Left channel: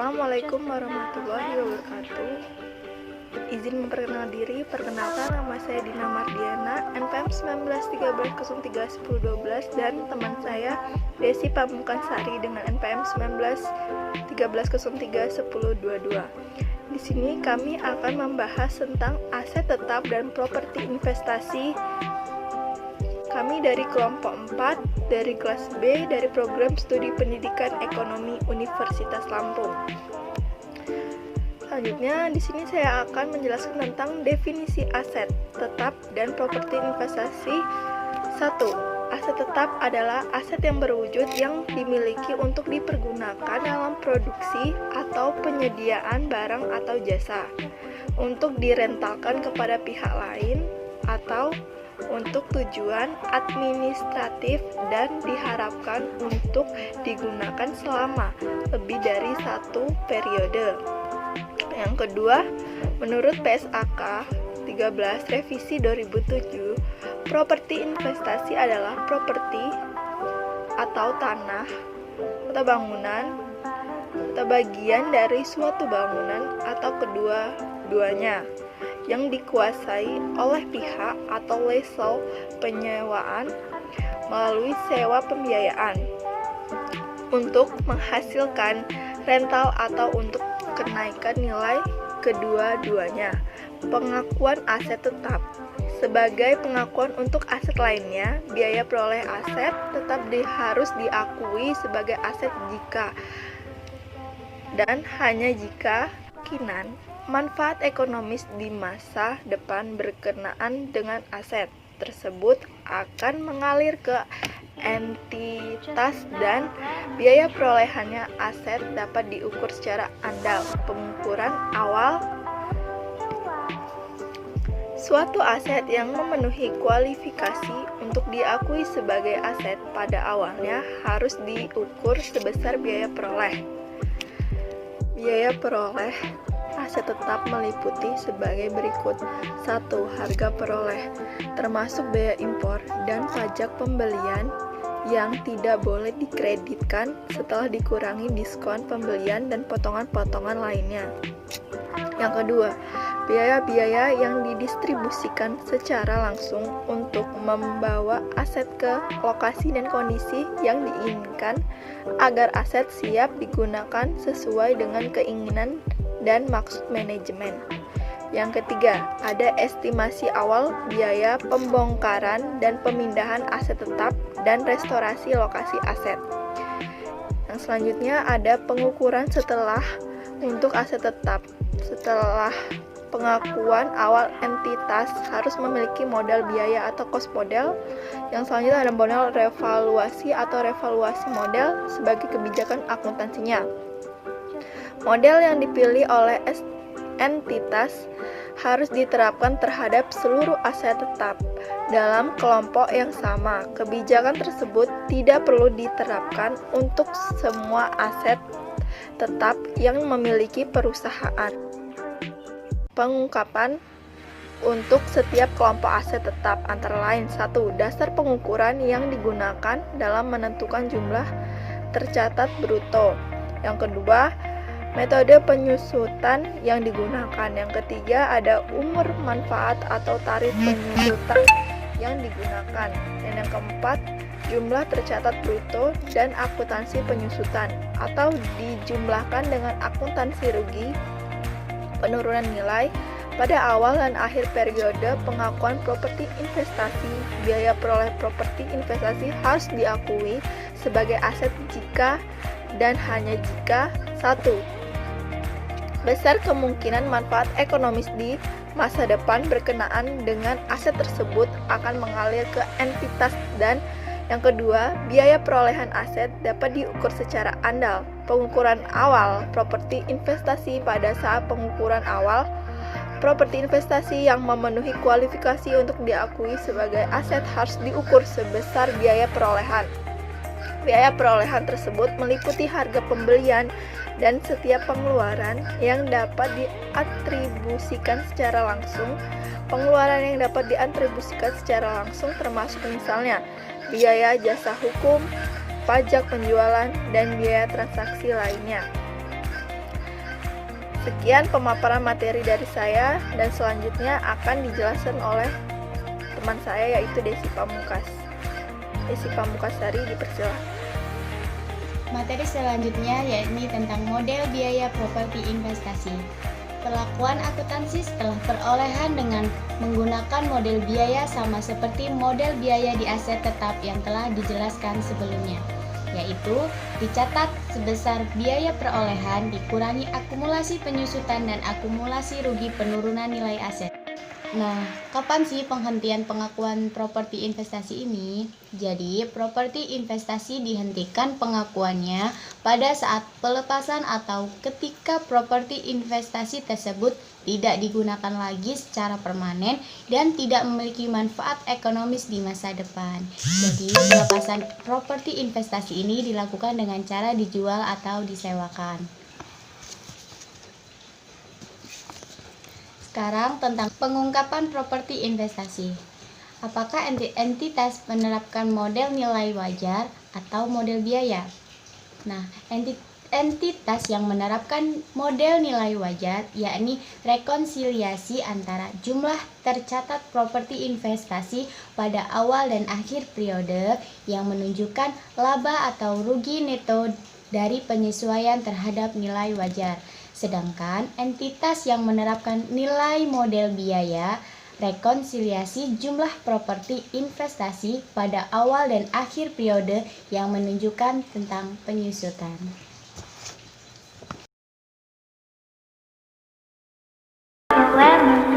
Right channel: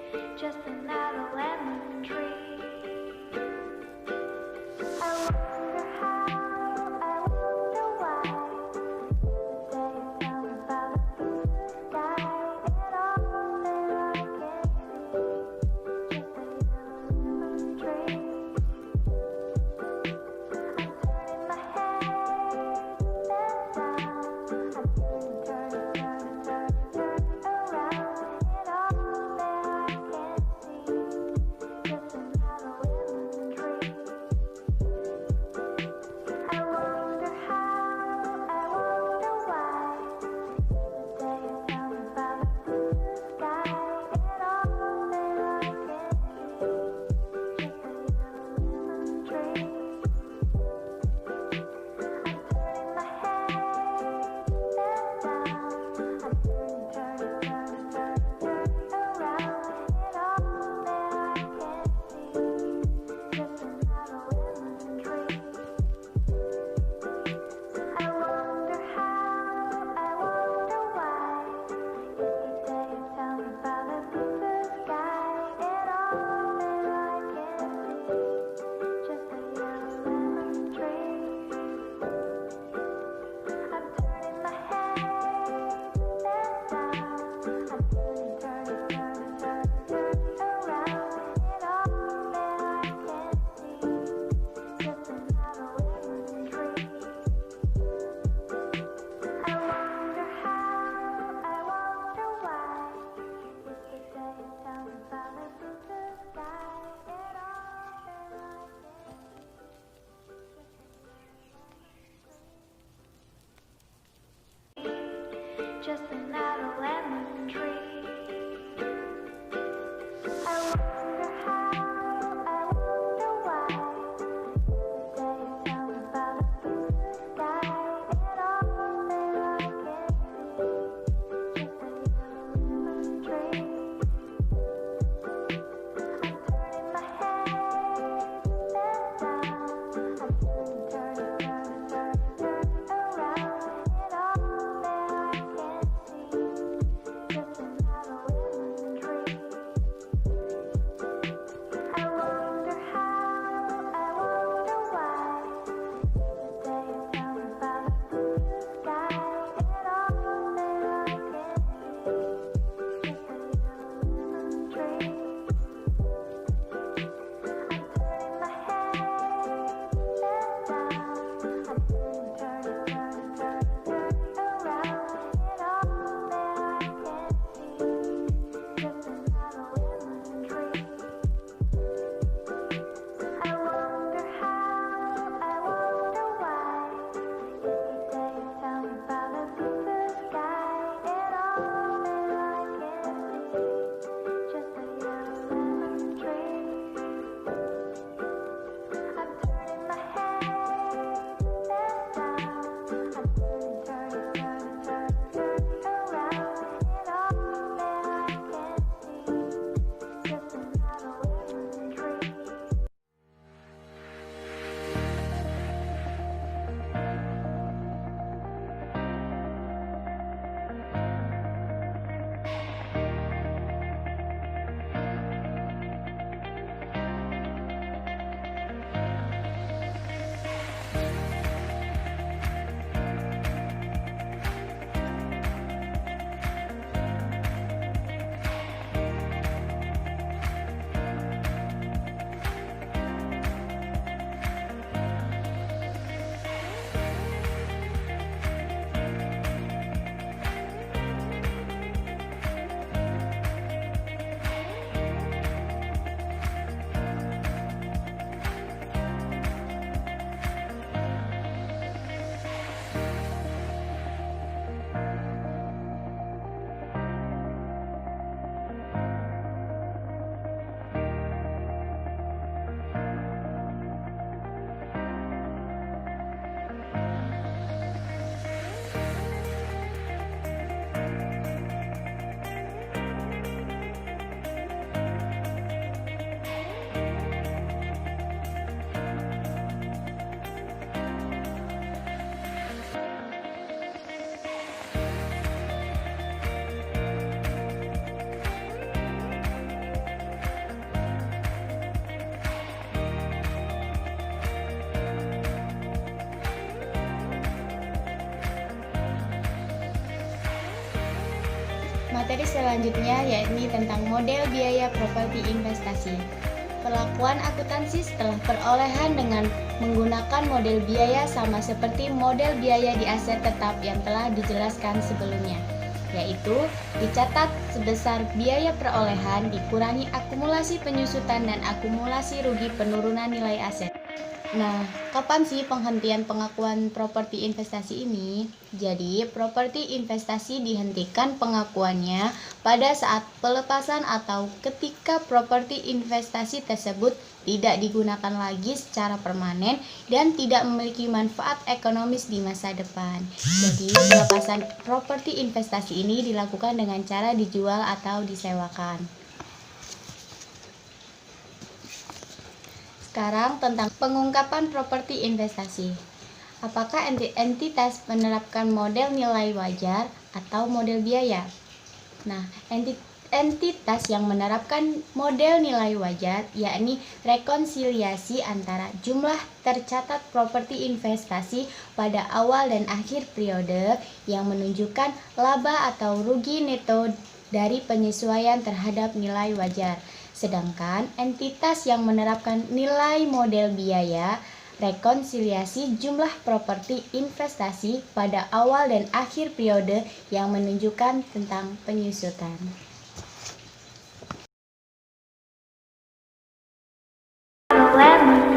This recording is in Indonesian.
Assalamualaikum warahmatullahi wabarakatuh. Izin memperkenalkan diri, perkenalkan nama saya Dina Mardiana, NPM 1913031012 dan teman saya Desi Pamungkansari dengan NPM 1913031022. Di sini kami akan membahas tentang aset tetap dan properti investasi. Kami dari kelompok 4, dari kelas B, dari program studi pendidikan ekonomi Universitas Lampung. Selanjutnya, di sini saya akan menjelaskan tentang definisi aset tetap dan properti investasi. 1. Aset tetap adalah aset yang berwujud yang dimiliki untuk dipergunakan dalam produksi atau penyediaan barang atau jasa, untuk direntalkan kepada pihak lain, atau untuk tujuan administratif dan diharapkan untuk digunakan selama lebih dari satu periode. Yang kedua, menurut PSAK 13 revisi 2007, properti investasi adalah properti atau tanah atau bangunan atau bagian dari suatu bangunan atau kedua-duanya yang dikuasai oleh pihak atau lesor penyewaan melalui sewa pembiayaan untuk menghasilkan rental atau untuk kenaikan nilai kedua-duanya. Pengakuan aset tetap sebagai pengakuan untuk aset lainnya, biaya peroleh aset tetap harus diakui sebagai aset jika dan hanya jika kemungkinan manfaat ekonomis di masa depan berkenaan dengan aset tersebut akan mengalir ke entitas dan biaya perolehannya aset dapat diukur secara andal. Pengukuran awal suatu aset yang memenuhi kualifikasi untuk diakui sebagai aset pada awalnya harus diukur sebesar biaya peroleh. Biaya peroleh aset tetap meliputi sebagai berikut. 1. Harga peroleh, termasuk biaya impor dan pajak pembelian yang tidak boleh dikreditkan setelah dikurangi diskon pembelian dan potongan-potongan lainnya. Yang kedua, biaya-biaya yang didistribusikan secara langsung untuk membawa aset ke lokasi dan kondisi yang diinginkan agar aset siap digunakan sesuai dengan keinginan dan maksud manajemen. Yang ketiga, ada estimasi awal biaya pembongkaran dan pemindahan aset tetap dan restorasi lokasi aset. Yang selanjutnya ada pengukuran setelah untuk aset tetap. Setelah pengakuan awal, entitas harus memiliki modal biaya atau cost model. Yang selanjutnya ada modal revaluasi atau revaluasi model sebagai kebijakan akuntansinya. Model yang dipilih oleh entitas harus diterapkan terhadap seluruh aset tetap dalam kelompok yang sama. Kebijakan tersebut tidak perlu diterapkan untuk semua aset tetap yang memiliki perusahaan. Pengungkapan untuk setiap kelompok aset tetap antara lain: 1. Dasar pengukuran yang digunakan dalam menentukan jumlah tercatat bruto. Yang kedua, metode penyusutan yang digunakan. Yang ketiga, ada umur manfaat atau tarif penyusutan yang digunakan. Dan yang keempat, jumlah tercatat bruto dan akuntansi penyusutan atau dijumlahkan dengan akuntansi rugi penurunan nilai pada awal dan akhir periode pengakuan properti investasi. Biaya peroleh properti investasi harus diakui sebagai aset jika dan hanya jika: 1. Besar kemungkinan manfaat ekonomis di masa depan berkenaan dengan aset tersebut akan mengalir ke entitas, dan yang kedua, biaya perolehan aset dapat diukur secara andal. Pengukuran awal properti investasi. Pada saat pengukuran awal properti investasi yang memenuhi kualifikasi untuk diakui sebagai aset harus diukur sebesar biaya perolehan. Biaya perolehan tersebut meliputi harga pembelian dan setiap pengeluaran yang dapat diatribusikan secara langsung. Pengeluaran yang dapat diatribusikan secara langsung termasuk misalnya biaya jasa hukum, pajak penjualan, dan biaya transaksi lainnya. Sekian pemaparan materi dari saya, dan selanjutnya akan dijelaskan oleh teman saya yaitu Desi Pamungkas. Desi Pamungkasari, dipersilakan. Materi selanjutnya yakni tentang model biaya properti investasi. Perlakuan akuntansi setelah perolehan dengan menggunakan model biaya sama seperti model biaya di aset tetap yang telah dijelaskan sebelumnya, yaitu dicatat sebesar biaya perolehan dikurangi akumulasi penyusutan dan akumulasi rugi penurunan nilai aset. Nah, kapan sih penghentian pengakuan properti investasi ini? Jadi, properti investasi dihentikan pengakuannya pada saat pelepasan atau ketika properti investasi tersebut tidak digunakan lagi secara permanen dan tidak memiliki manfaat ekonomis di masa depan. Jadi, pelepasan properti investasi ini dilakukan dengan cara dijual atau disewakan. Sekarang tentang pengungkapan properti investasi. Apakah entitas menerapkan model nilai wajar atau model biaya? Nah, entitas yang menerapkan model nilai wajar yakni rekonsiliasi antara jumlah tercatat properti investasi pada awal dan akhir periode yang menunjukkan laba atau rugi neto dari penyesuaian terhadap nilai wajar. Sedangkan entitas yang menerapkan nilai model biaya rekonsiliasi jumlah properti investasi pada awal dan akhir periode yang menunjukkan tentang penyusutan. Lemon.